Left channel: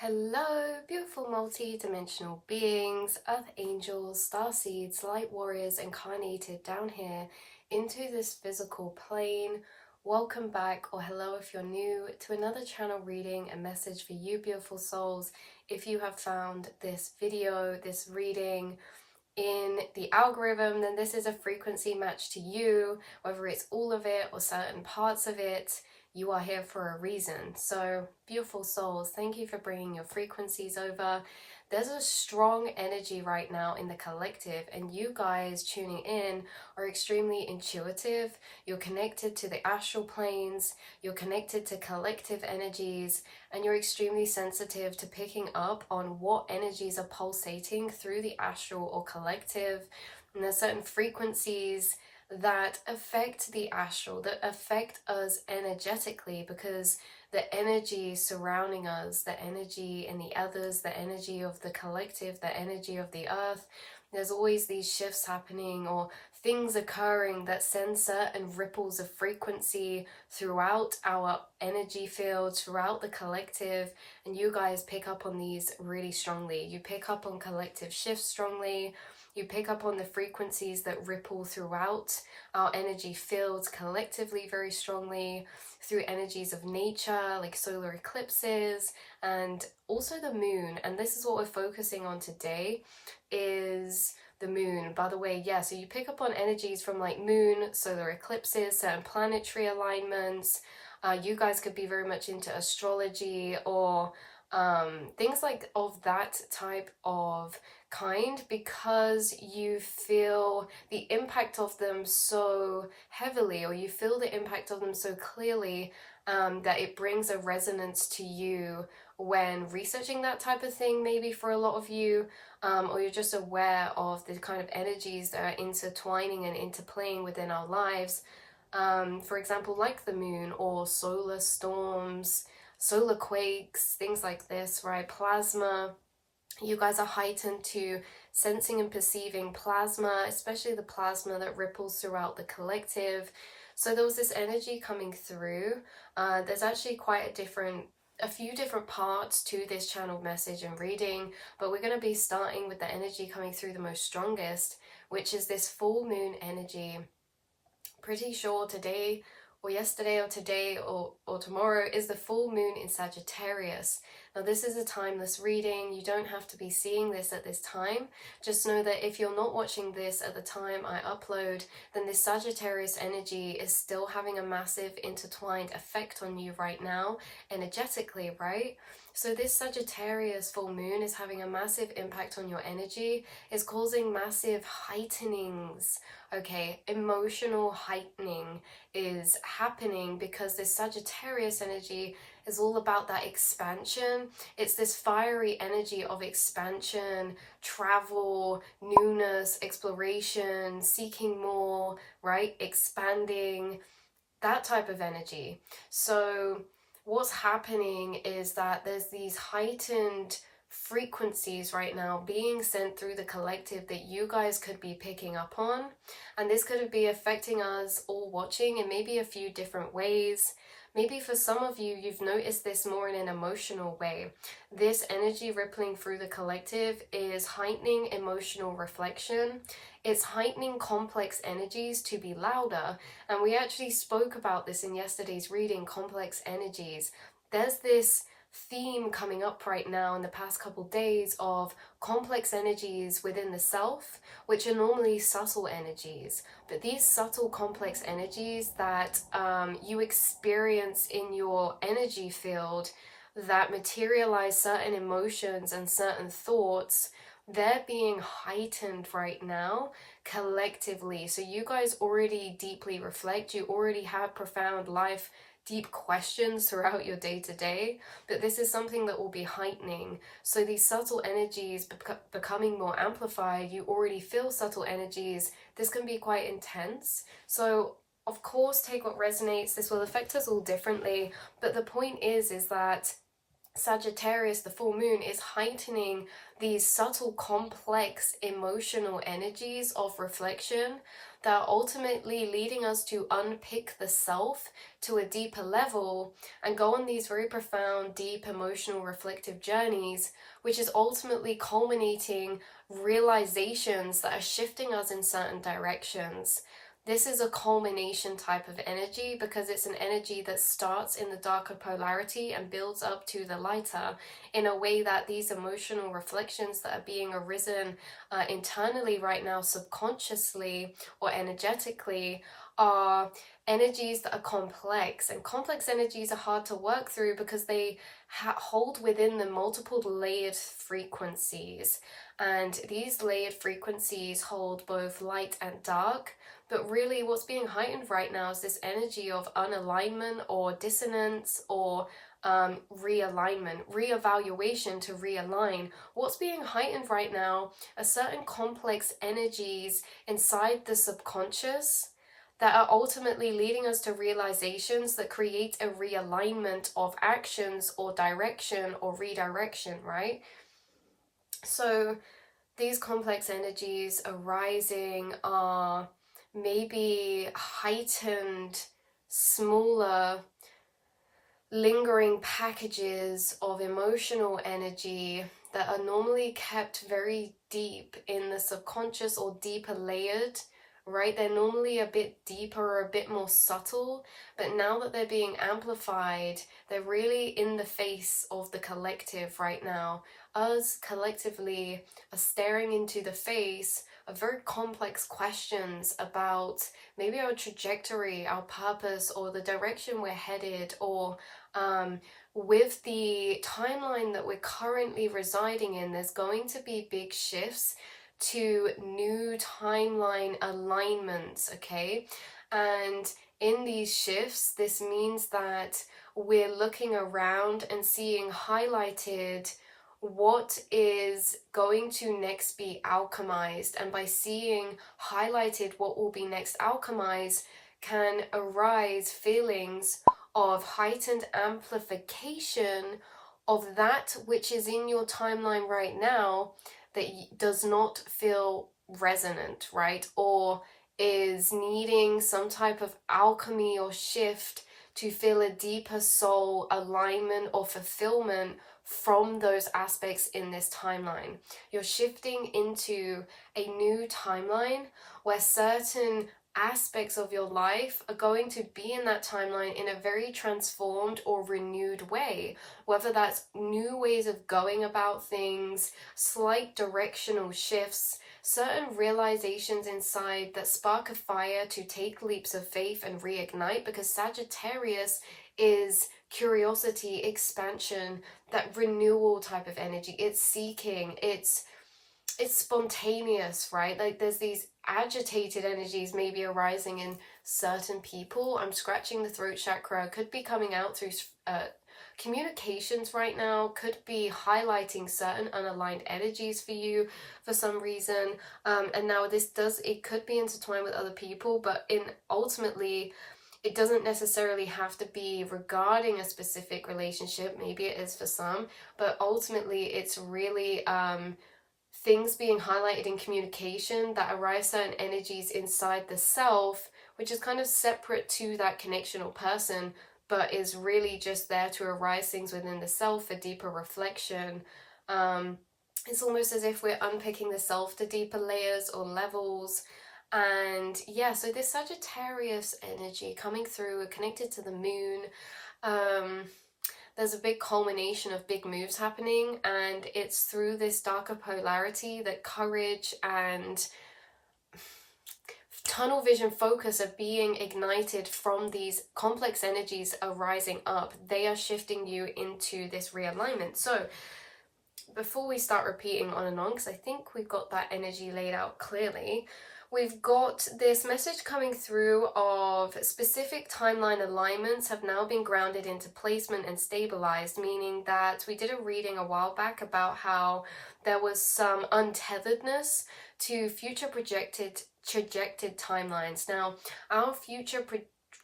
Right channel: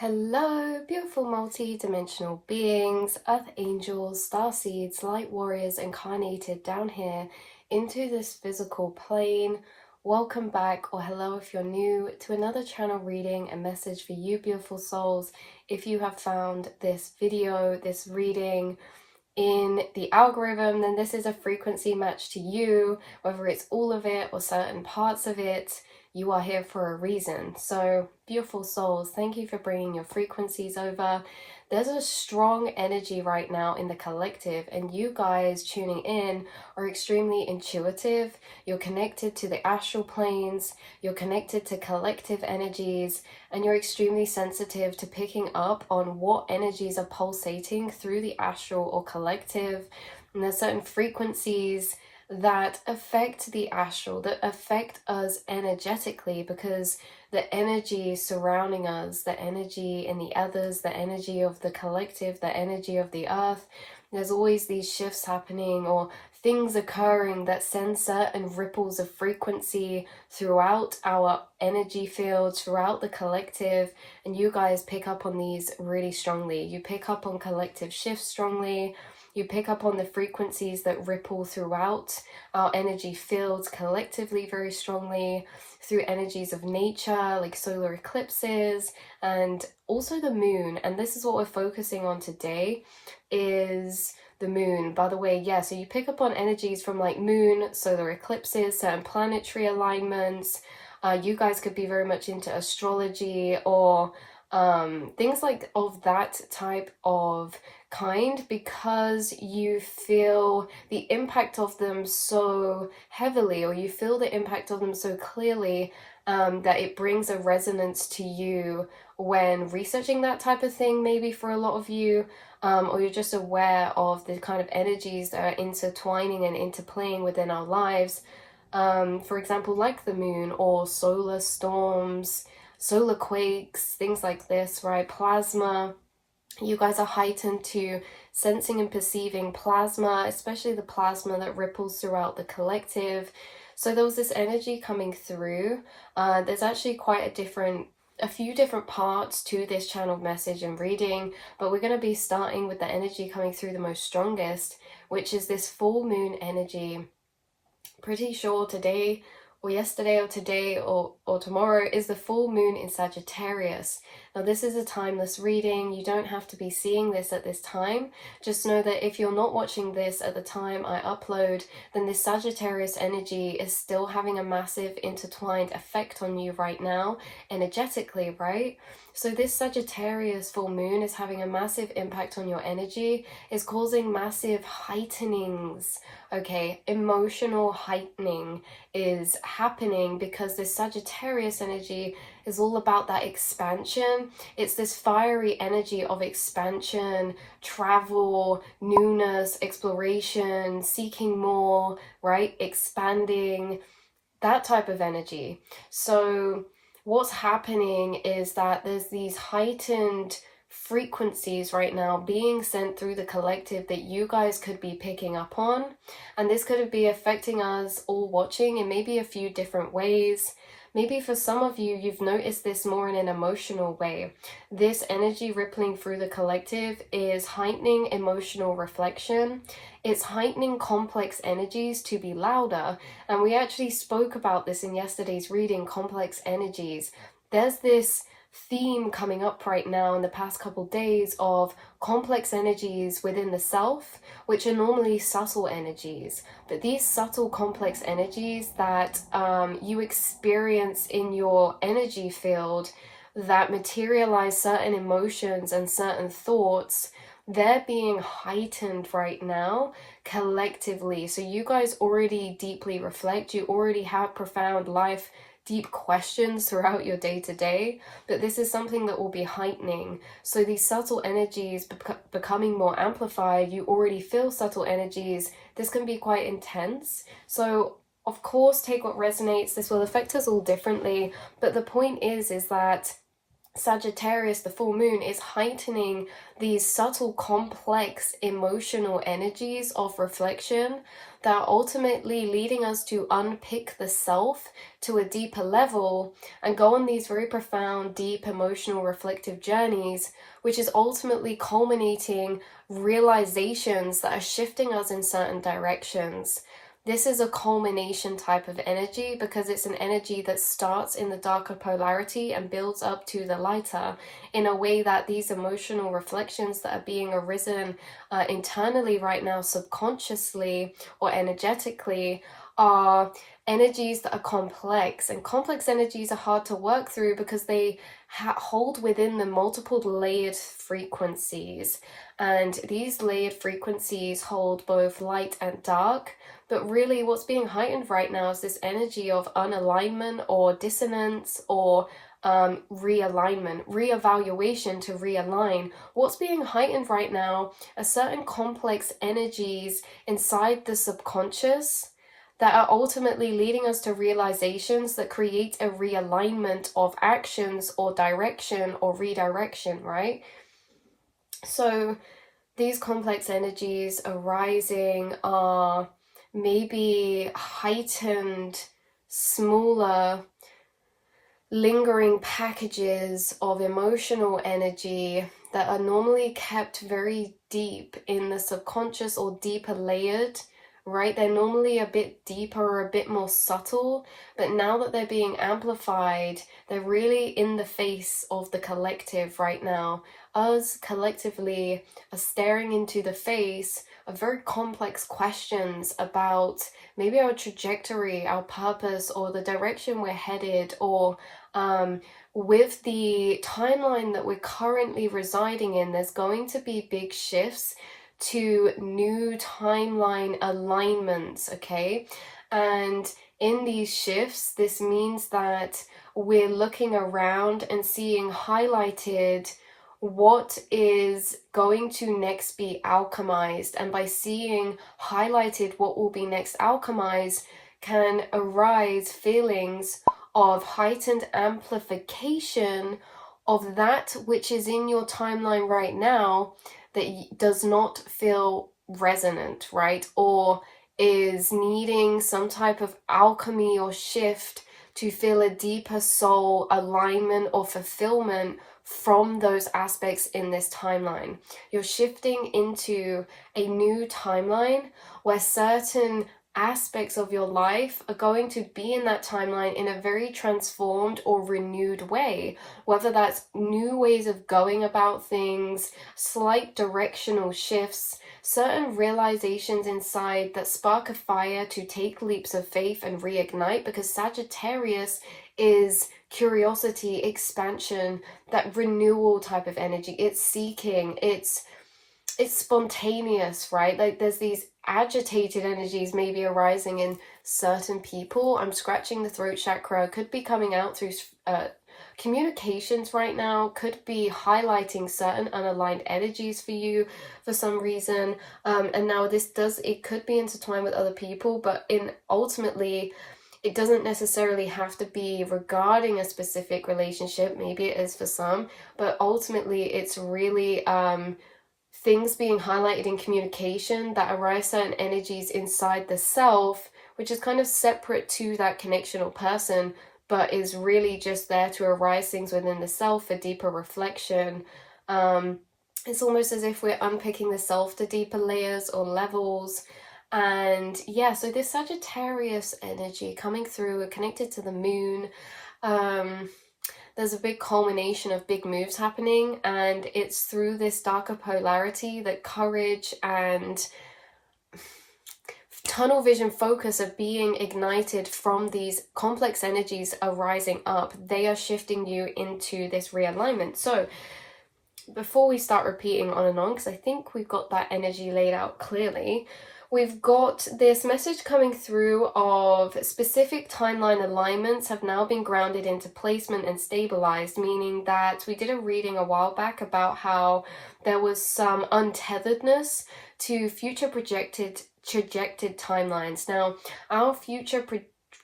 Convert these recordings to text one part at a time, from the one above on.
Hello, beautiful multi-dimensional beings, earth angels, star seeds, light warriors incarnated down here into this physical plane. Welcome back, or hello if you're new, to another channel reading, a message for you beautiful souls. If you have found this video, this reading in the algorithm, then this is a frequency match to you, whether it's all of it or certain parts of it. You are here for a reason. So beautiful souls, thank you for bringing your frequencies over. There's a strong energy right now in the collective, and you guys tuning in are extremely intuitive. You're connected to the astral planes, you're connected to collective energies, and you're extremely sensitive to picking up on what energies are pulsating through the astral or collective. And there's certain frequencies that affect the astral, that affect us energetically, because the energy surrounding us, the energy in the others, the energy of the collective, the energy of the earth, there's always these shifts happening or things occurring that send certain ripples of frequency throughout our energy field, throughout the collective, and you guys pick up on these really strongly. You pick up on collective shifts strongly. You pick up on the frequencies that ripple throughout our energy fields collectively very strongly, through energies of nature like solar eclipses and also the moon. And this is what we're focusing on today, is the moon. By the way, yeah, so you pick up on energies from like moon, solar eclipses, certain planetary alignments. You guys could be very much into astrology or things like of that type of kind, because you feel the impact of them so heavily, or you feel the impact of them so clearly, that it brings a resonance to you when researching that type of thing, maybe for a lot of you, or you're just aware of the kind of energies that are intertwining and interplaying within our lives. For example, like the moon or solar storms, solar quakes, things like this, right? Plasma. You guys are heightened to sensing and perceiving plasma, especially the plasma that ripples throughout the collective. So there was this energy coming through. There's actually a few different parts to this channel message and reading, but we're going to be starting with the energy coming through the most strongest, which is this full moon energy. Pretty sure today or yesterday or today or tomorrow is the full moon in Sagittarius. Now this is a timeless reading. You don't have to be seeing this at this time. Just know that if you're not watching this at the time I upload, then this Sagittarius energy is still having a massive intertwined effect on you right now, energetically, right? So this Sagittarius full moon is having a massive impact on your energy, is causing massive heightenings. Okay, emotional heightening is happening because this Sagittarius energy is all about that expansion. It's this fiery energy of expansion, travel, newness, exploration, seeking more, right? Expanding, that type of energy. So what's happening is that there's these heightened frequencies right now being sent through the collective that you guys could be picking up on, and this could be affecting us all watching in maybe a few different ways. Maybe for some of you, you've noticed this more in an emotional way. This energy rippling through the collective is heightening emotional reflection. It's heightening complex energies to be louder. And we actually spoke about this in yesterday's reading, complex energies. There's this theme coming up right now in the past couple days of complex energies within the self, which are normally subtle energies. But these subtle complex energies that you experience in your energy field that materialize certain emotions and certain thoughts, they're being heightened right now collectively. So you guys already deeply reflect, you already have profound life deep questions throughout your day-to-day, but this is something that will be heightening. So these subtle energies becoming more amplified, you already feel subtle energies. This can be quite intense. So of course, take what resonates. This will affect us all differently, but the point is that Sagittarius, the full moon, is heightening these subtle, complex emotional energies of reflection that are ultimately leading us to unpick the self to a deeper level and go on these very profound, deep, emotional, reflective journeys, which is ultimately culminating realizations that are shifting us in certain directions. This is a culmination type of energy because it's an energy that starts in the darker polarity and builds up to the lighter, in a way that these emotional reflections that are being arisen internally right now, subconsciously or energetically, are energies that are complex. And complex energies are hard to work through because they hold within them multiple layered frequencies. And these layered frequencies hold both light and dark. But really what's being heightened right now is this energy of unalignment or dissonance or realignment, reevaluation to realign. What's being heightened right now are certain complex energies inside the subconscious that are ultimately leading us to realizations that create a realignment of actions or direction or redirection, right? So these complex energies arising are maybe heightened, smaller, lingering packages of emotional energy that are normally kept very deep in the subconscious or deeper layered, right? They're normally a bit deeper or a bit more subtle, but now that they're being amplified, they're really in the face of the collective right now. Us collectively are staring into the face of very complex questions about maybe our trajectory, our purpose, or the direction we're headed, or with the timeline that we're currently residing in, there's going to be big shifts to new timeline alignments, okay? And in these shifts, this means that we're looking around and seeing highlighted what is going to next be alchemized. And by seeing highlighted what will be next alchemized, can arise feelings of heightened amplification of that which is in your timeline right now that does not feel resonant, right? Or is needing some type of alchemy or shift to feel a deeper soul alignment or fulfillment from those aspects in this timeline. You're shifting into a new timeline where certain aspects of your life are going to be in that timeline in a very transformed or renewed way, whether that's new ways of going about things, slight directional shifts, certain realizations inside that spark a fire to take leaps of faith and reignite, because Sagittarius is curiosity, expansion, that renewal type of energy. It's seeking, it's spontaneous, right? Like there's these agitated energies maybe arising in certain people. I'm scratching the throat chakra, could be coming out through communications right now, could be highlighting certain unaligned energies for you for some reason. And now it could be intertwined with other people, but ultimately it doesn't necessarily have to be regarding a specific relationship. Maybe it is for some, but ultimately it's really things being highlighted in communication that arise certain energies inside the self, which is kind of separate to that connection or person, but is really just there to arise things within the self for deeper reflection. It's almost as if we're unpicking the self to deeper layers or levels. And yeah, so this Sagittarius energy coming through, connected to the moon, there's a big culmination of big moves happening, and it's through this darker polarity that courage and tunnel vision focus are being ignited from these complex energies arising up. They are shifting you into this realignment. So before we start repeating on and on, because I think we've got that energy laid out clearly, we've got this message coming through of specific timeline alignments have now been grounded into placement and stabilized, meaning that we did a reading a while back about how there was some untetheredness to future trajected timelines. Now, our future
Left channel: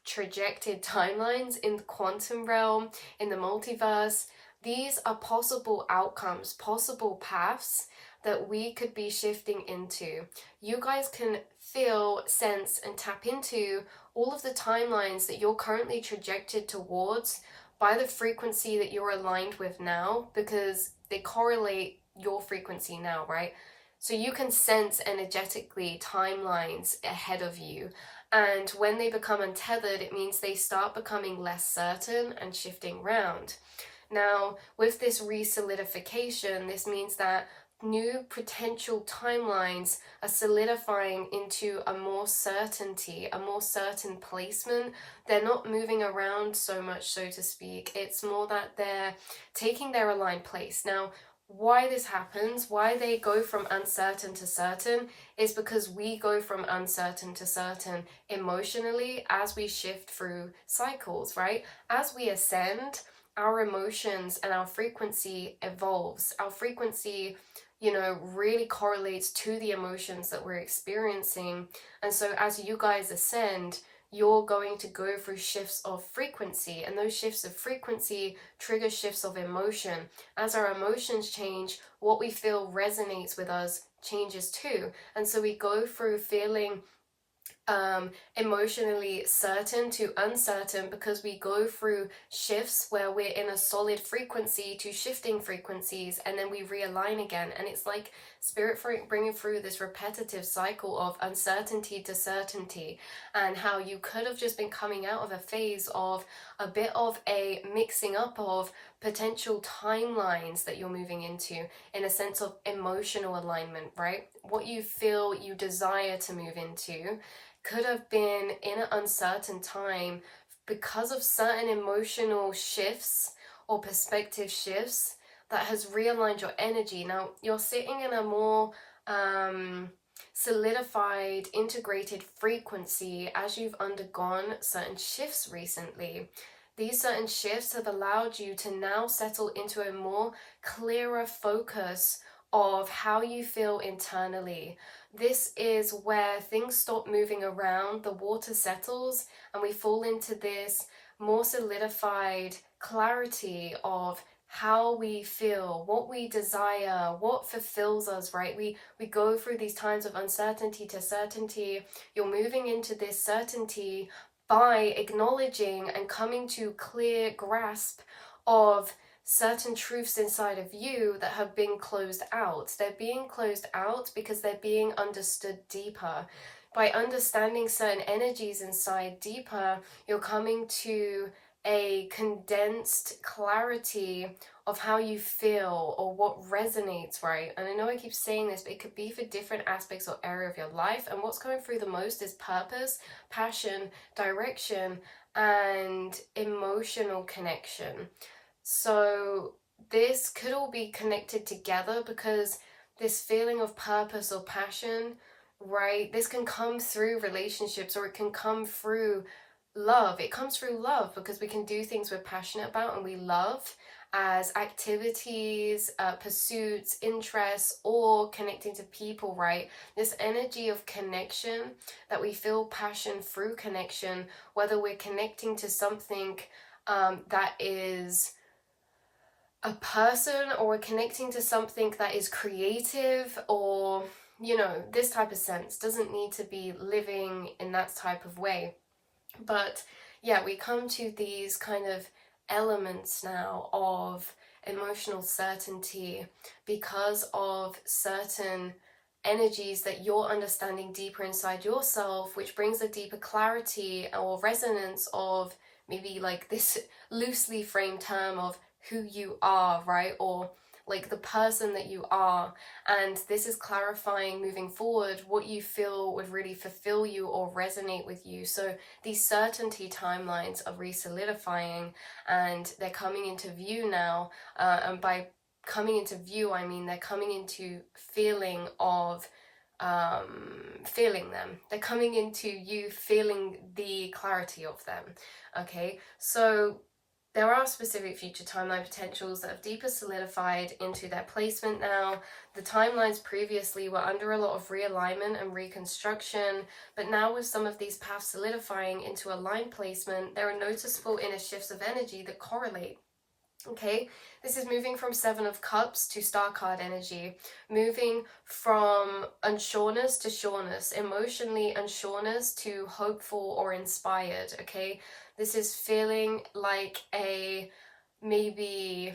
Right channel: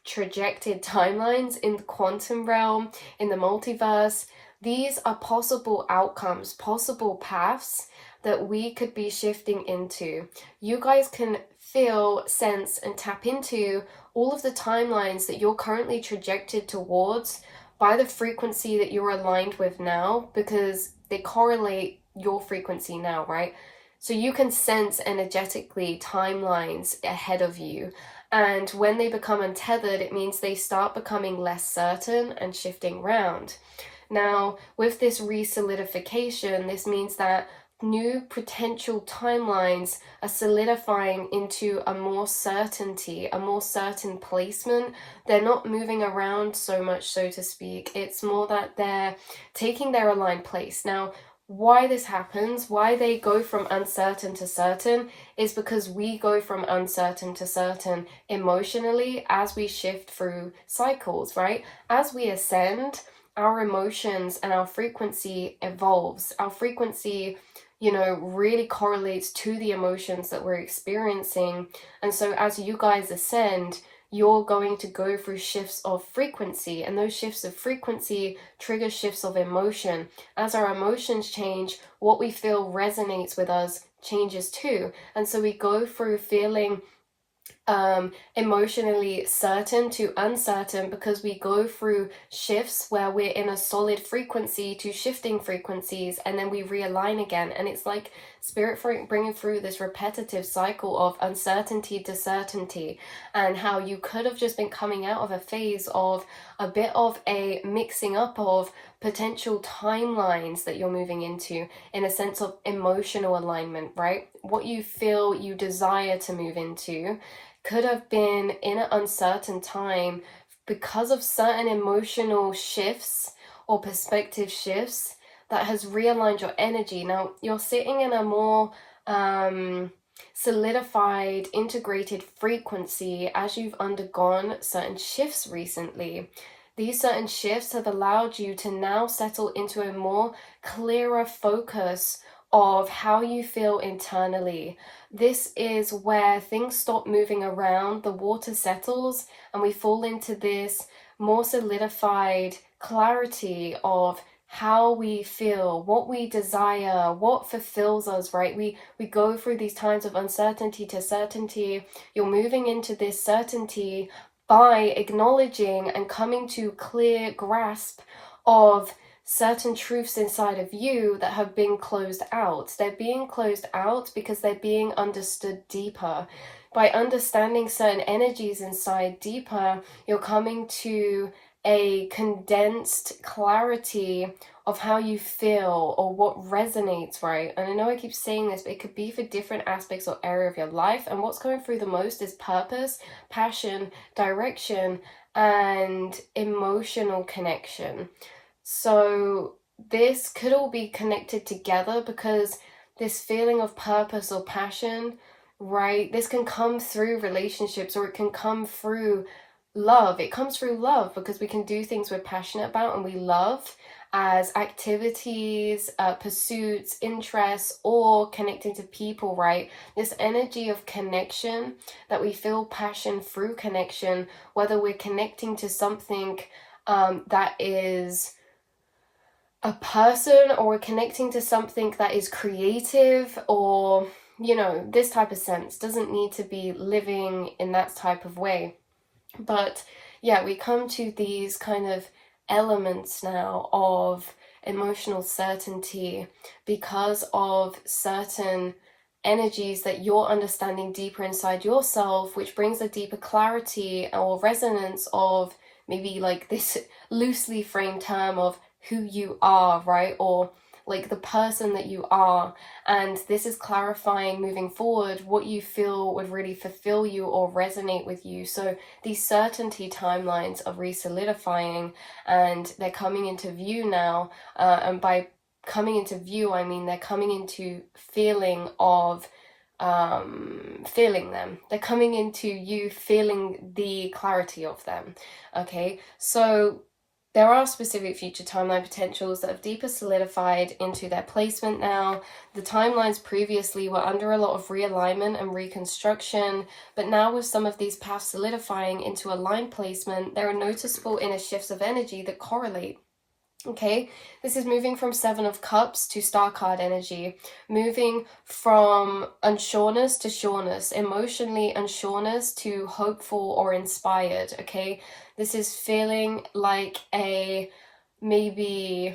trajected timelines in the quantum realm, in the multiverse, these are possible outcomes, possible paths that we could be shifting into. You guys can feel, sense, and tap into all of the timelines that you're currently trajected towards by the frequency that you're aligned with now, because they correlate your frequency now, right? So you can sense energetically timelines ahead of you. And when they become untethered, it means they start becoming less certain and shifting round. Now, with this re-solidification, this means that new potential timelines are solidifying into a more certainty, a more certain placement. They're not moving around so much, so to speak. It's more that they're taking their aligned place. Now, why this happens, why they go from uncertain to certain, is because we go from uncertain to certain emotionally as we shift through cycles, right? As we ascend, our emotions and our frequency evolves. Our frequency, really correlates to the emotions that we're experiencing. And so as you guys ascend, you're going to go through shifts of frequency, and those shifts of frequency trigger shifts of emotion. As our emotions change, what we feel resonates with us changes too. And so we go through feeling emotionally certain to uncertain, because we go through shifts where we're in a solid frequency to shifting frequencies, and then we realign again. And it's like spirit bringing through this repetitive cycle of uncertainty to certainty, and how you could have just been coming out of a phase of a bit of a mixing up of potential timelines that you're moving into, in a sense of emotional alignment, right? What you feel you desire to move into could have been in an uncertain time because of certain emotional shifts or perspective shifts that has realigned your energy. Now, you're sitting in a more solidified, integrated frequency as you've undergone certain shifts recently. These certain shifts have allowed you to now settle into a more clearer focus of how you feel internally. This is where things stop moving around, the water settles, and we fall into this more solidified clarity of how we feel, what we desire, what fulfills us, right? We go through these times of uncertainty to certainty. You're moving into this certainty by acknowledging and coming to clear grasp of certain truths inside of you that have been closed out. They're being closed out because they're being understood deeper. By understanding certain energies inside deeper, you're coming to a condensed clarity of how you feel or what resonates, right? And I know I keep saying this, but it could be for different aspects or area of your life. And what's going through the most is purpose, passion, direction, and emotional connection. So this could all be connected together, because this feeling of purpose or passion, right, this can come through relationships, or it can come through love. It comes through love because we can do things we're passionate about and we love, as activities, pursuits, interests, or connecting to people, right? This energy of connection, that we feel passion through connection, whether we're connecting to something that is a person, or we're connecting to something that is creative, or this type of sense. Doesn't need to be living in that type of way. But yeah, we come to these kind of elements now of emotional certainty because of certain energies that you're understanding deeper inside yourself, which brings a deeper clarity or resonance of maybe like this loosely framed term of who you are, right? Or like the person that you are. And this is clarifying moving forward what you feel would really fulfill you or resonate with you. So these certainty timelines are re-solidifying, and they're coming into view now. And by coming into view, I mean they're coming into feeling of feeling them. They're coming into you feeling the clarity of them. Okay, so there are specific future timeline potentials that have deeper solidified into their placement now. The timelines previously were under a lot of realignment and reconstruction, but now with some of these paths solidifying into aligned placement, there are noticeable inner shifts of energy that correlate. Okay, this is moving from Seven of Cups to Star card energy, moving from unsureness to sureness, emotionally unsureness to hopeful or inspired. Okay, this is feeling like a maybe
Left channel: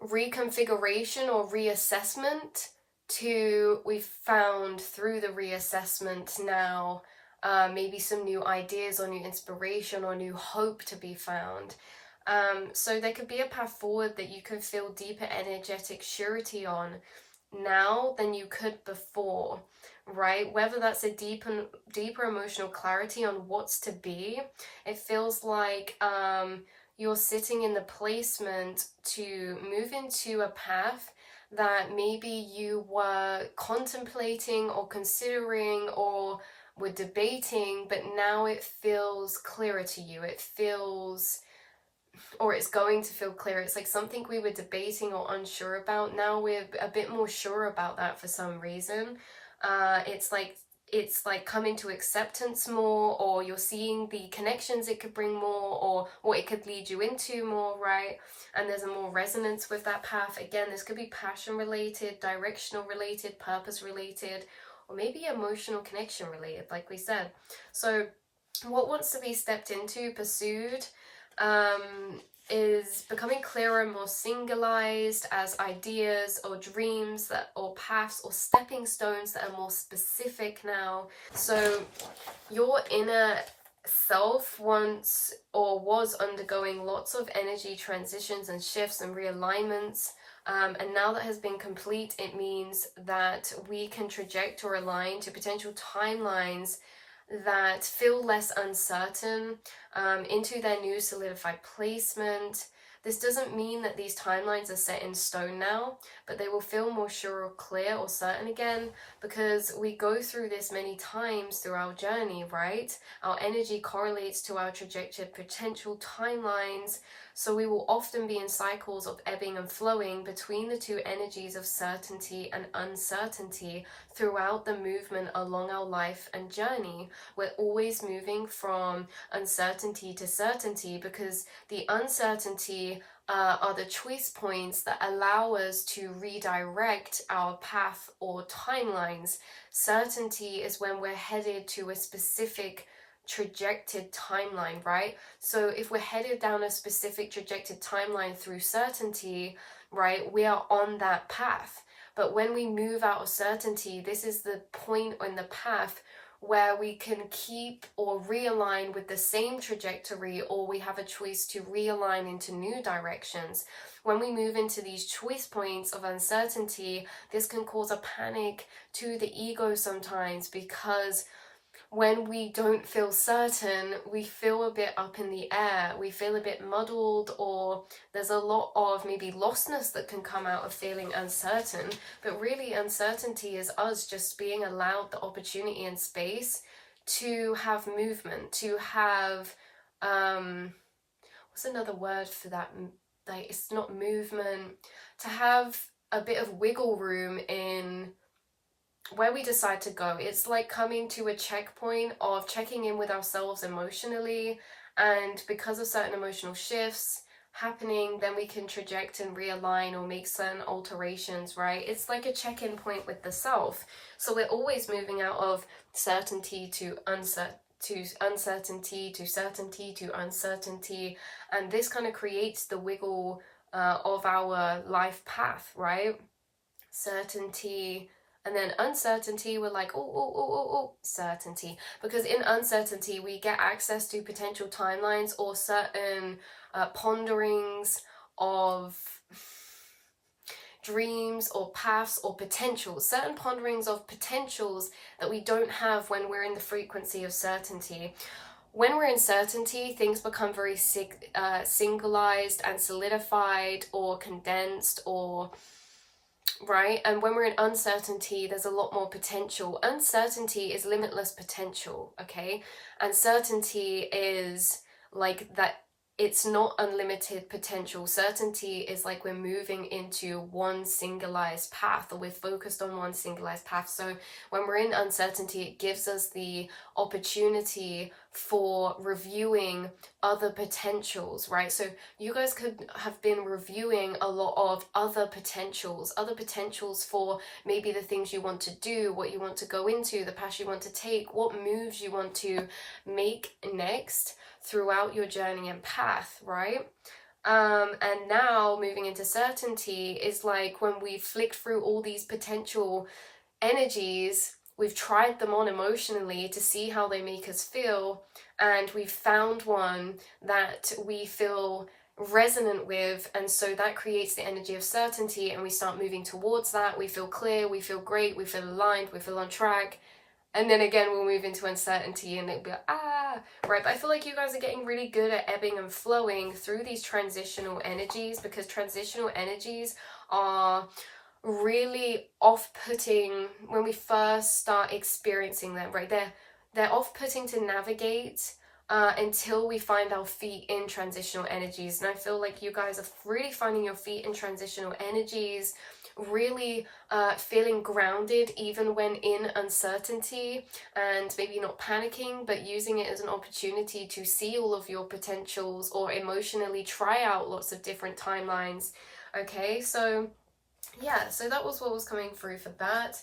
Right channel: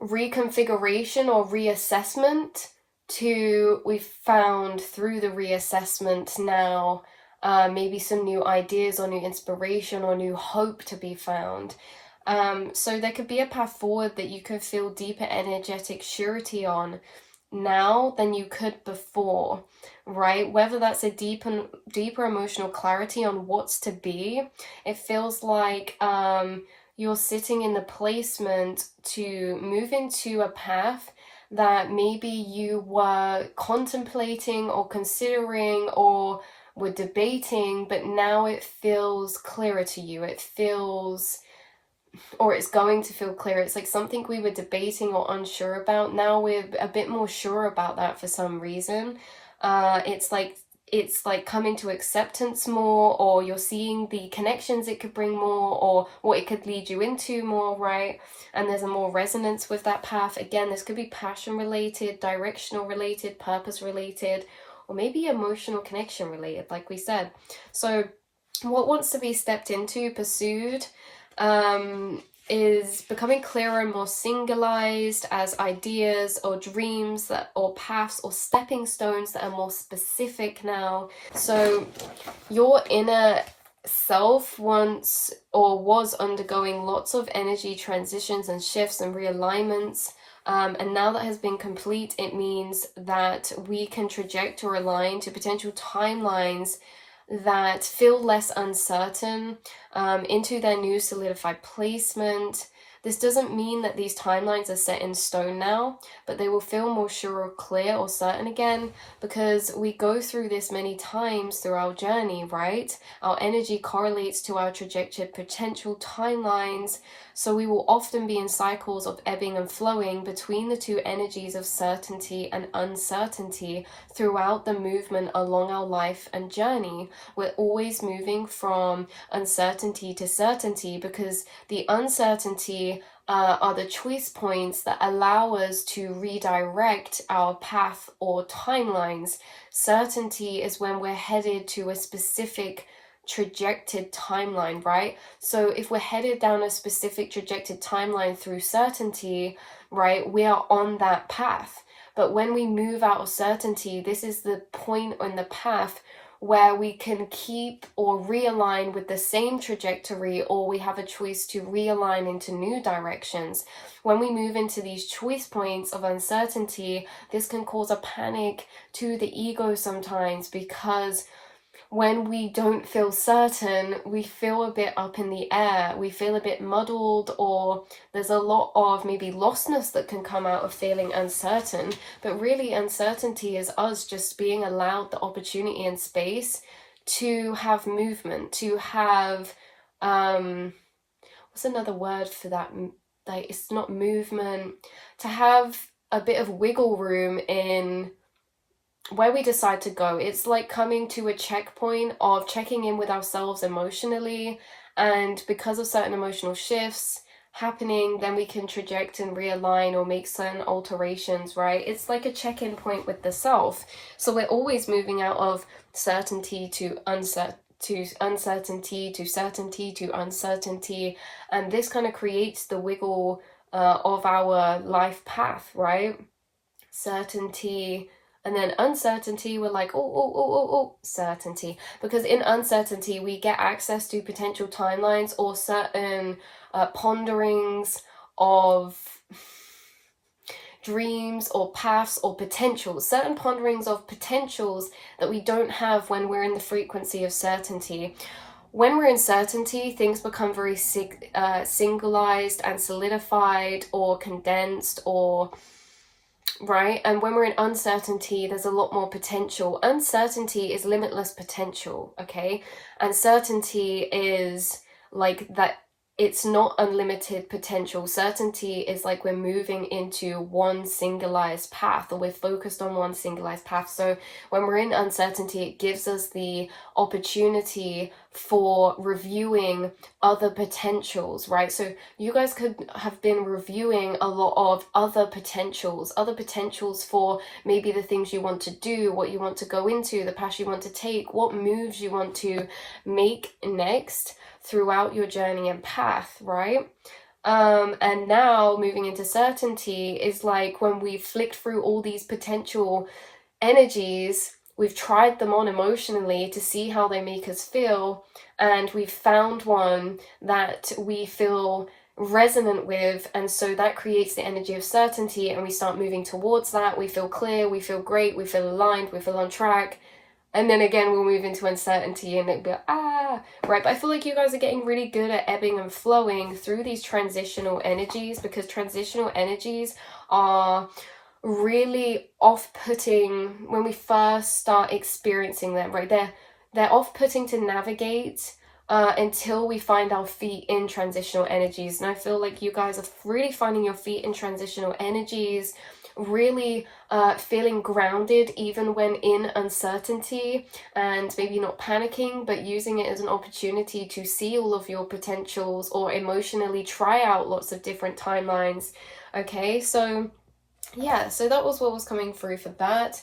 reconfiguration or reassessment to, we've found through the reassessment now maybe some new ideas or new inspiration or new hope to be found. So there could be a path forward that you could feel deeper energetic surety on now than you could before, right? Whether that's a deeper emotional clarity on what's to be, it feels like you're sitting in the placement to move into a path that maybe you were contemplating or considering or were debating, but now it feels clearer to you. It feels, or it's going to feel clear. It's like something we were debating or unsure about. Now we're a bit more sure about that for some reason. It's like coming to acceptance more, or you're seeing the connections it could bring more, or what it could lead you into more, right? And there's a more resonance with that path. Again, this could be passion related, directional related, purpose related, or maybe emotional connection related, like we said. So what wants to be stepped into, pursued, is becoming clearer and more singularized as ideas or dreams that, or paths or stepping stones that are more specific now. So your inner self once or was undergoing lots of energy transitions and shifts and realignments. And now that has been complete, it means that we can traject or align to potential timelines that feel less uncertain into their new solidified placement. This doesn't mean that these timelines are set in stone now, but they will feel more sure or clear or certain again, because we go through this many times through our journey, right? Our energy correlates to our trajectory potential timelines, so we will often be in cycles of ebbing and flowing between the two energies of certainty and uncertainty throughout the movement along our life and journey. We're always moving from uncertainty to certainty, because the uncertainty are the choice points that allow us to redirect our path or timelines. Certainty is when we're headed to a specific trajected timeline, right? So if we're headed down a specific trajected timeline through certainty, right, we are on that path. But when we move out of certainty, this is the point on the path where we can keep or realign with the same trajectory, or we have a choice to realign into new directions. When we move into these choice points of uncertainty, this can cause a panic to the ego sometimes, because when we don't feel certain, we feel a bit up in the air, we feel a bit muddled, or there's a lot of maybe lostness that can come out of feeling uncertain. But really, uncertainty is us just being allowed the opportunity and space to have movement, to have what's another word for that? Like, it's not movement, to have a bit of wiggle room in where we decide to go. It's like coming to a checkpoint of checking in with ourselves emotionally, and because of certain emotional shifts happening, then we can traject and realign or make certain alterations, right? It's like a check-in point with the self. So we're always moving out of certainty to uncertainty to certainty to uncertainty, and this kind of creates the wiggle of our life path, right? Certainty, and then uncertainty, we're like, certainty. Because in uncertainty, we get access to potential timelines or certain ponderings of dreams or paths or potentials, certain ponderings of potentials that we don't have when we're in the frequency of certainty. When we're in certainty, things become very singularized and solidified or condensed, or right? And when we're in uncertainty, there's a lot more potential. Uncertainty is limitless potential, okay? And certainty is like that it's not unlimited potential. Certainty is like we're moving into one singularized path, or we're focused on one singularized path. So when we're in uncertainty, it gives us the opportunity for reviewing other potentials, right? So you guys could have been reviewing a lot of other potentials for maybe the things you want to do, what you want to go into, the path you want to take, what moves you want to make next throughout your journey and path, right? And now moving into certainty is like when we've flicked through all these potential energies, we've tried them on emotionally to see how they make us feel, and we've found one that we feel resonant with, and so that creates the energy of certainty, and we start moving towards that. We feel clear, we feel great, we feel aligned, we feel on track. And then again, we'll move into uncertainty and it'll be like, right? But I feel like you guys are getting really good at ebbing and flowing through these transitional energies, because transitional energies are really off-putting when we first start experiencing them, right? They're off-putting to navigate until we find our feet in transitional energies. And I feel like you guys are really finding your feet in transitional energies, really feeling grounded even when in uncertainty, and maybe not panicking, but using it as an opportunity to see all of your potentials or emotionally try out lots of different timelines. Okay, so yeah, so that was what was coming through for that.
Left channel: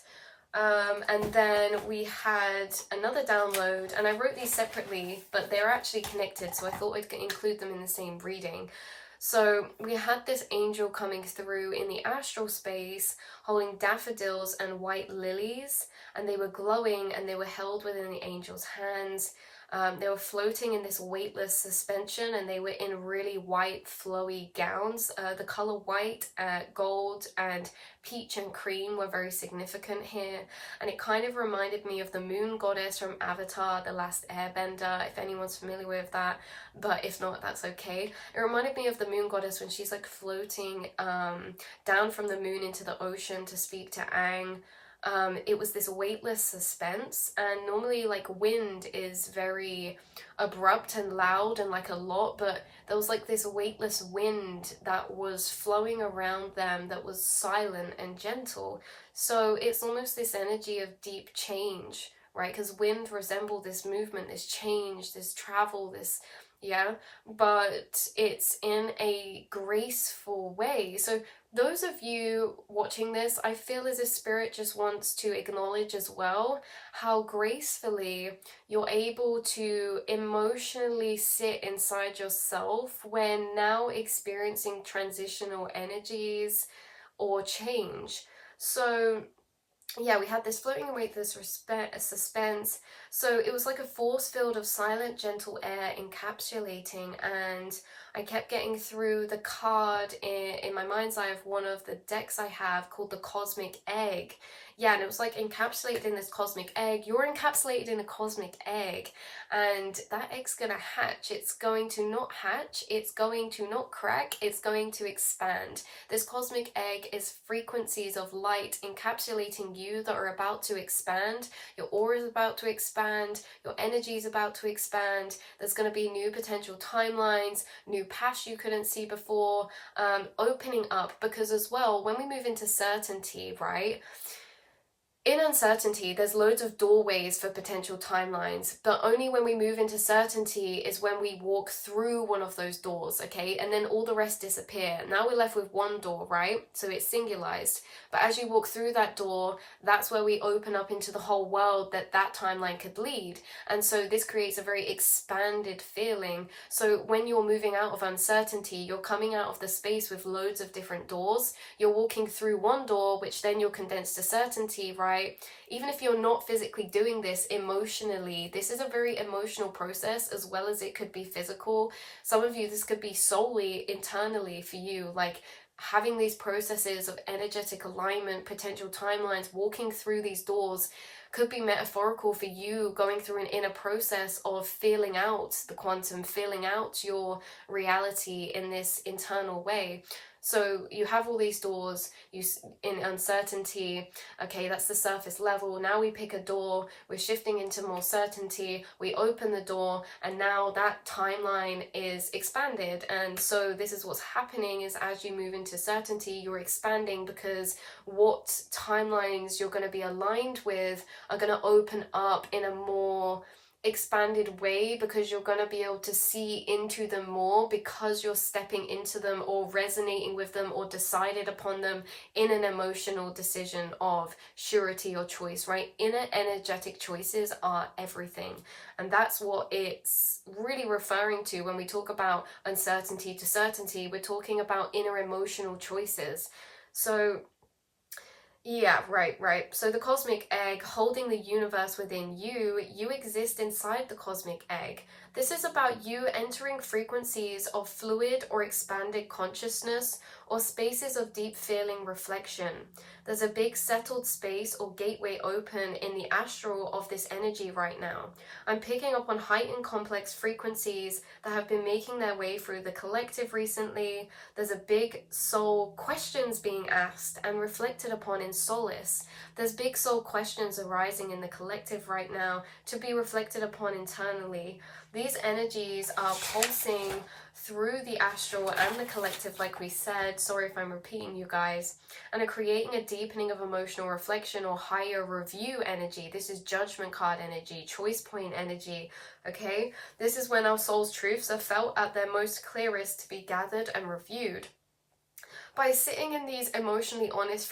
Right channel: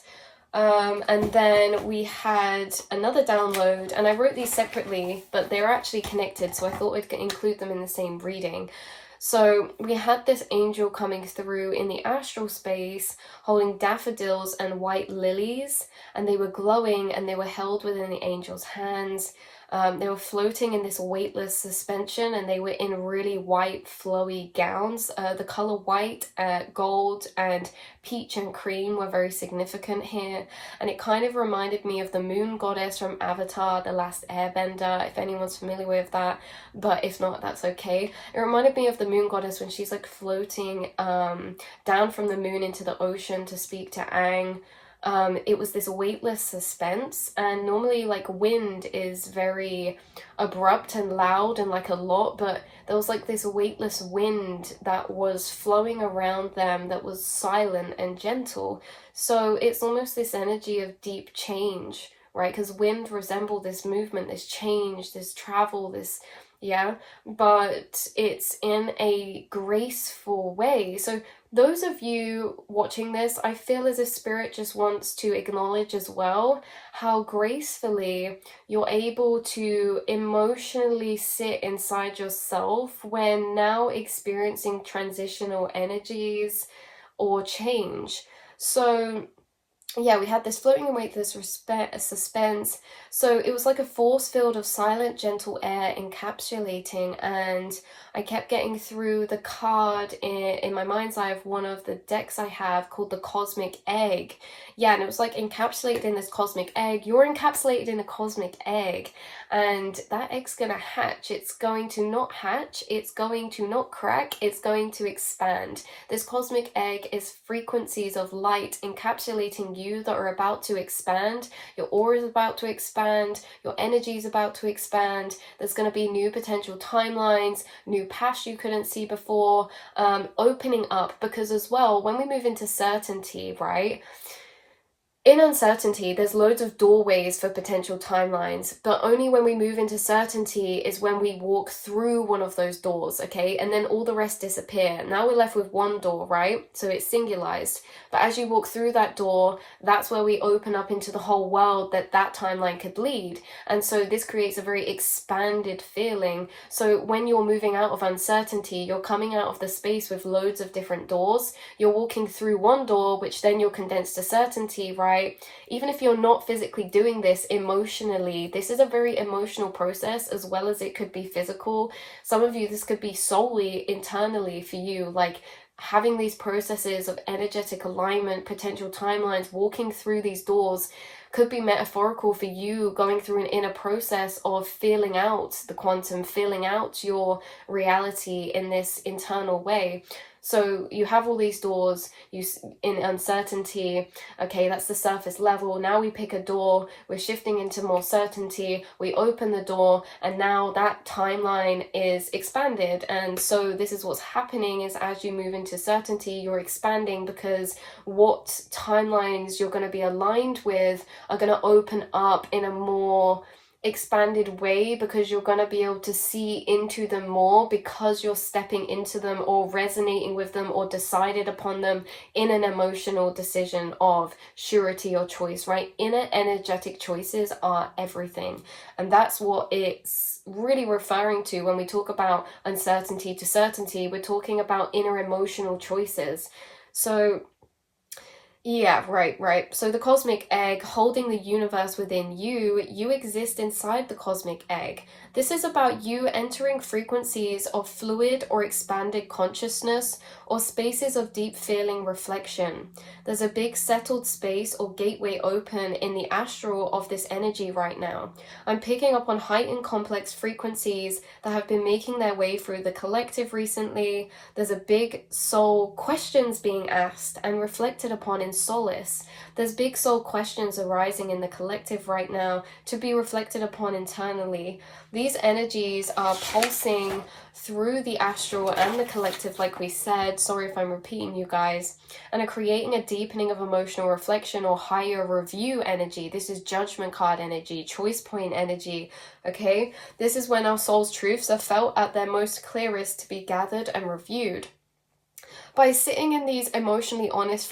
And then we had another download, and I wrote these separately, but they're actually connected, so I thought I'd include them in the same reading. So we had this angel coming through in the astral space holding daffodils and white lilies, and they were glowing and they were held within the angel's hands. They were floating in this weightless suspension, and they were in really white flowy gowns. The color white, gold, and peach and cream were very significant here, and it kind of reminded me of the moon goddess from Avatar, The Last Airbender, if anyone's familiar with that, but if not, that's okay. It reminded me of the moon goddess when she's like floating down from the moon into the ocean to speak to Aang. It was this weightless suspense, and normally like wind is very abrupt and loud and like a lot, but there was like this weightless wind that was flowing around them that was silent and gentle. So it's almost this energy of deep change, right? Because wind resembled this movement, this change, this travel, this but it's in a graceful way. So those of you watching this, I feel as if Spirit just wants to acknowledge as well how gracefully you're able to emotionally sit inside yourself when now experiencing transitional energies or change. So yeah, we had this floating and weightless suspense. So it was like a force field of silent, gentle air encapsulating, and I kept getting through the card in my mind's eye of one of the decks I have called the Cosmic Egg. Yeah, and it was like encapsulated in this cosmic egg. You're encapsulated in a cosmic egg, and that egg's gonna hatch. It's going to not hatch, it's going to not crack, it's going to expand. This cosmic egg is frequencies of light encapsulating you that are about to expand. Your aura is about to expand, your energy is about to expand. There's going to be new potential timelines, new paths you couldn't see before, opening up, because as well, when we move into certainty, right? In uncertainty, there's loads of doorways for potential timelines, but only when we move into certainty is when we walk through one of those doors, okay? And then all the rest disappear. Now we're left with one door, right? So it's singularized. But as you walk through that door, that's where we open up into the whole world that timeline could lead. And so this creates a very expanded feeling. So when you're moving out of uncertainty, you're coming out of the space with loads of different doors. You're walking through one door, which then you're condensed to certainty, right? Even if you're not physically doing this emotionally, this is a very emotional process as well as it could be physical. Some of you, this could be solely internally for you, like having these processes of energetic alignment, potential timelines, walking through these doors could be metaphorical for you going through an inner process of feeling out the quantum, feeling out your reality in this internal way. So you have all these doors, in uncertainty. Okay, that's the surface level. Now we pick a door, we're shifting into more certainty, we open the door, and now that timeline is expanded. And so this is what's happening, is as you move into certainty, you're expanding, because what timelines you're going to be aligned with are going to open up in a more expanded way, because you're going to be able to see into them more, because you're stepping into them or resonating with them or decided upon them in an emotional decision of surety or choice, right? Inner energetic choices are everything. And that's what it's really referring to when we talk about uncertainty to certainty. We're talking about inner emotional choices. So yeah, right. So the cosmic egg holding the universe within you, you exist inside the cosmic egg. This is about you entering frequencies of fluid or expanded consciousness, or spaces of deep feeling reflection. There's a big settled space or gateway open in the astral of this energy right now. I'm picking up on heightened complex frequencies that have been making their way through the collective recently. There's a big soul questions being asked and reflected upon in solace. There's big soul questions arising in the collective right now to be reflected upon internally. These energies are pulsing through the astral and the collective, like we said. Sorry if I'm repeating you guys. And are creating a deepening of emotional reflection or higher review energy. This is judgment card energy, choice point energy, okay? This is when our soul's truths are felt at their most clearest to be gathered and reviewed. By sitting in these emotionally honest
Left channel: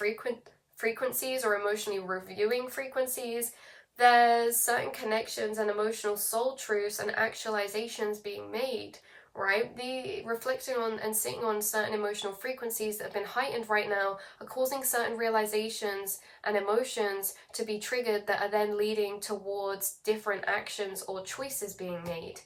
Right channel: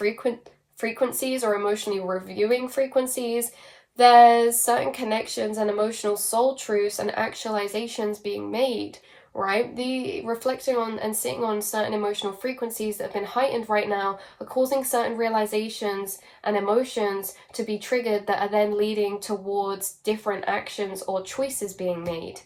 frequencies or emotionally reviewing frequencies, there's certain connections and emotional soul truths and actualizations being made, right? The reflecting on and sitting on certain emotional frequencies that have been heightened right now are causing certain realizations and emotions to be triggered that are then leading towards different actions or choices being made.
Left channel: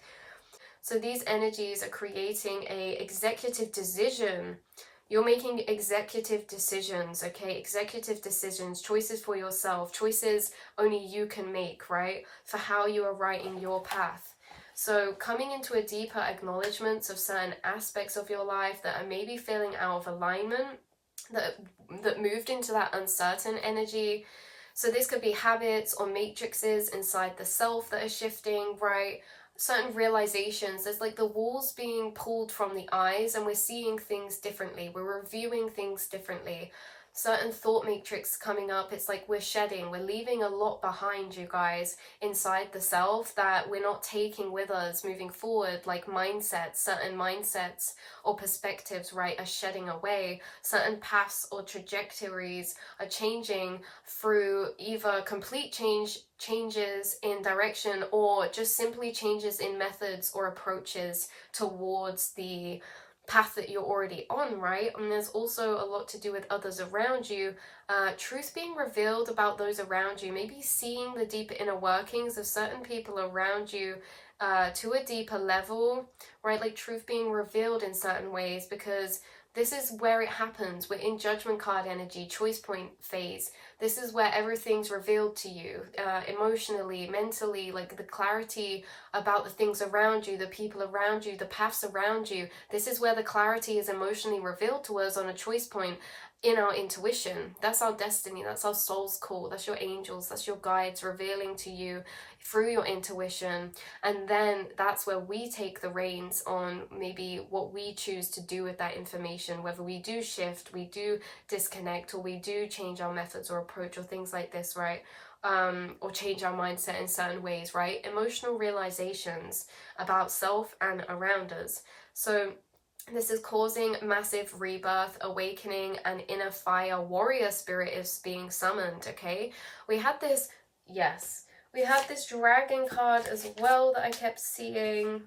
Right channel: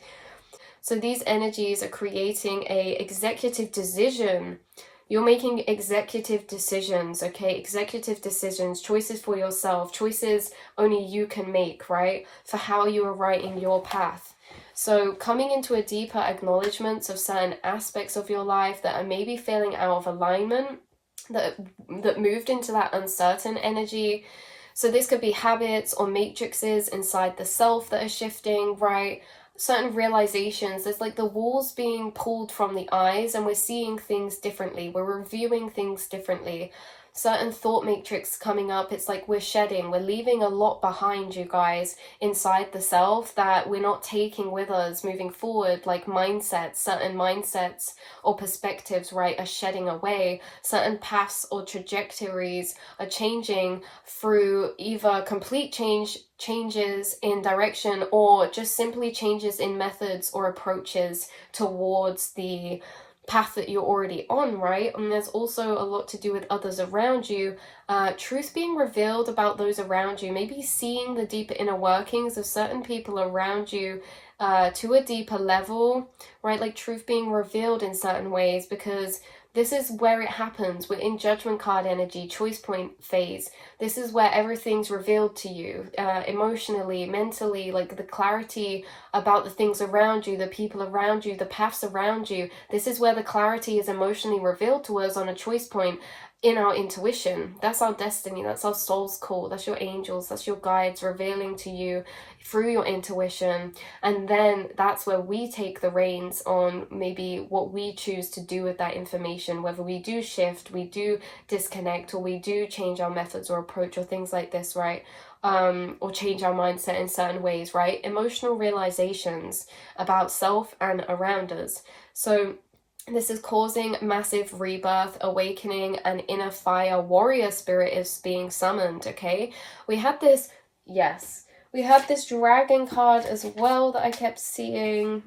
So these energies are creating a executive decision. You're making executive decisions, okay? Executive decisions, choices for yourself, choices only you can make, right? For how you are writing your path. So coming into a deeper acknowledgement of certain aspects of your life that are maybe feeling out of alignment, that moved into that uncertain energy. So this could be habits or matrices inside the self that are shifting, right? Certain realizations, there's like the walls being pulled from the eyes, and we're seeing things differently, we're reviewing things differently. Certain thought matrix coming up, it's like we're shedding, we're leaving a lot behind, you guys, inside the self that we're not taking with us moving forward. Like mindsets, certain mindsets or perspectives, right, are shedding away. Certain paths or trajectories are changing through either complete changes in direction, or just simply changes in methods or approaches towards the path that you're already on, right? And there's also a lot to do with others around you. Truth being revealed about those around you, maybe seeing the deeper inner workings of certain people around you to a deeper level, right? Like truth being revealed in certain ways, because this is where it happens. We're in judgment card energy, choice point phase. This is where everything's revealed to you, emotionally, mentally, like the clarity about the things around you, the people around you, the paths around you. This is where the clarity is emotionally revealed to us on a choice point in our intuition. That's our destiny. That's our soul's call. That's your angels. That's your guides revealing to you through your intuition. And then that's where we take the reins on maybe what we choose to do with that information, whether we do shift, we do disconnect, or we do change our methods or approach or things like this, right? Or change our mindset in certain ways, right? Emotional realizations about self and around us. So this is causing massive rebirth, awakening, and inner fire warrior spirit is being summoned, okay? We had this, yes, we had this dragon card as well that I kept seeing,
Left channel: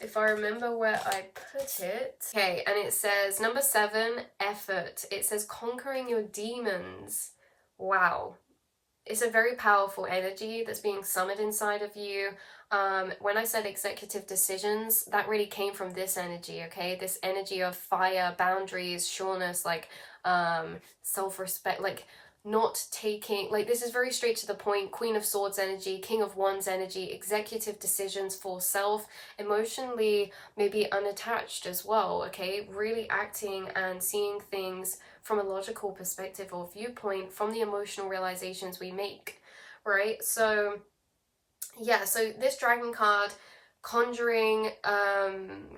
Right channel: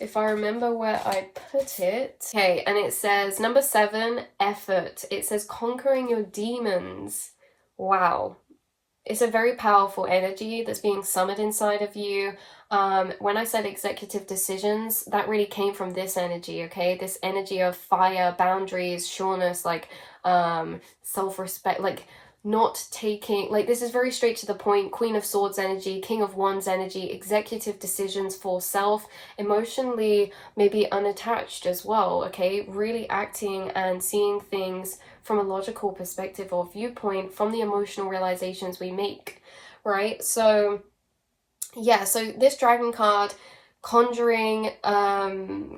if I remember where I put it. Okay, and it says number 7, effort. It says conquering your demons. Wow. It's a very powerful energy that's being summoned inside of you. When I said executive decisions, that really came from this energy, okay? This energy of fire, boundaries, sureness, like self-respect, like not taking, like, this is very straight to the point. Queen of Swords energy, King of Wands energy, executive decisions for self, emotionally maybe unattached as well, okay? Really acting and seeing things from a logical perspective or viewpoint from the emotional realizations we make, right? So yeah, so this dragon card, conjuring,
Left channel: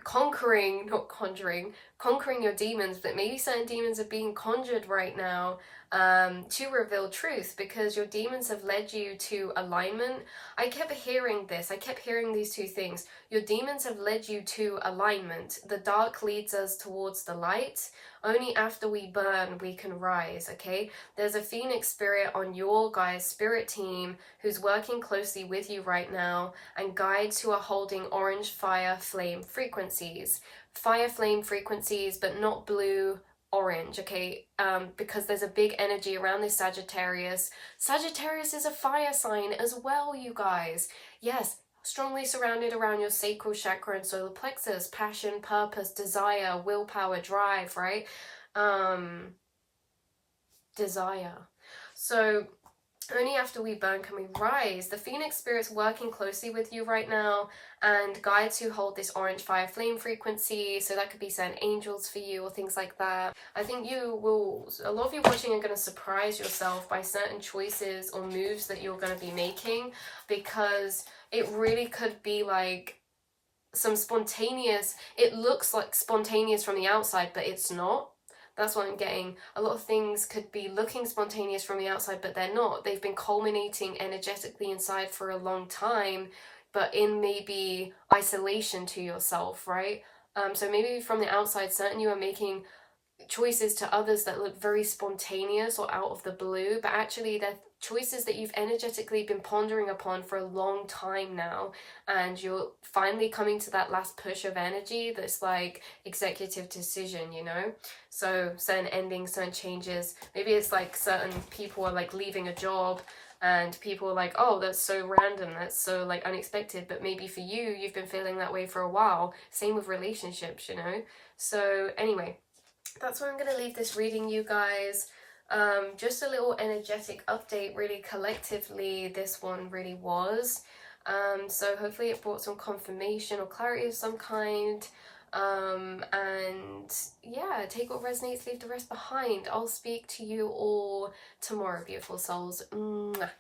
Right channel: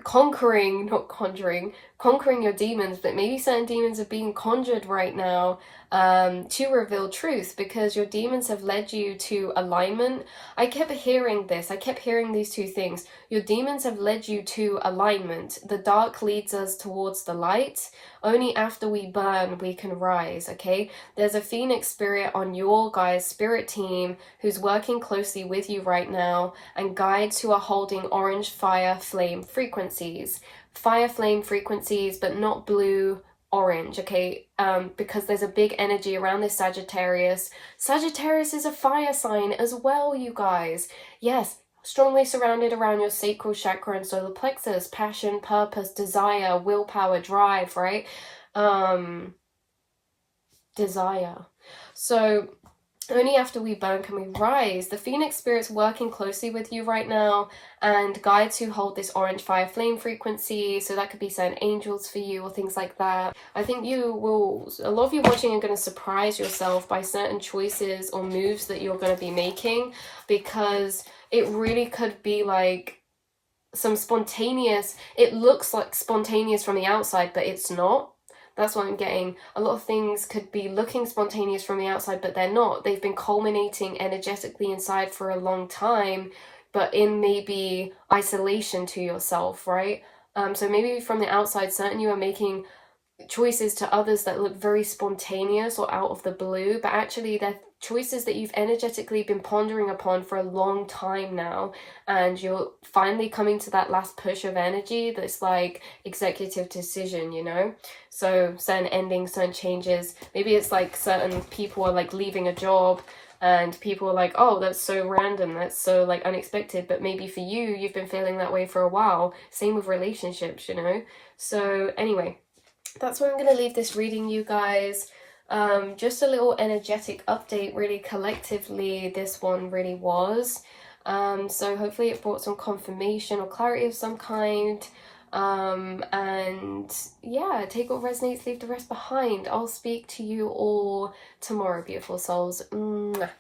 conquering, not conjuring, conquering your demons, but maybe certain demons are being conjured right now, to reveal truth, because your demons have led you to alignment. I kept hearing this, I kept hearing these two things. Your demons have led you to alignment. The dark leads us towards the light. Only after we burn we can rise, okay? There's a phoenix spirit on your guys' spirit team who's working closely with you right now, and guides who are holding orange fire flame frequencies. Fire flame frequencies, but not blue, orange, okay? Because there's a big energy around this Sagittarius. Sagittarius is a fire sign as well, you guys. Yes, strongly surrounded around your sacral chakra and solar plexus, passion, purpose, desire, willpower, drive, right? Desire. So only after we burn can we rise. The Phoenix Spirit's working closely with you right now, and guides who hold this orange fire flame frequency. So that could be certain angels for you or things like that. I think a lot of you watching are going to surprise yourself by certain choices or moves that you're going to be making, because it really could be like some spontaneous, it looks like spontaneous from the outside, but it's not. That's what I'm getting. A lot of things could be looking spontaneous from the outside, but they're not. They've been culminating energetically inside for a long time, but in maybe isolation to yourself, right? So maybe from the outside, certain you are making choices to others that look very spontaneous or out of the blue, but actually they're choices that you've energetically been pondering upon for a long time now, and you're finally coming to that last push of energy that's like executive decision, you know? So certain endings, certain changes. Maybe it's like certain people are like leaving a job, and people are like, oh, that's so random, that's so like unexpected, but maybe for you, you've been feeling that way for a while. Same with relationships, you know? So anyway, that's where I'm going to leave this reading, you guys. Just a little energetic update, really collectively this one really was. So hopefully it brought some confirmation or clarity of some kind. And yeah, take what resonates, leave the rest behind. I'll speak to you all tomorrow, beautiful souls. Mwah.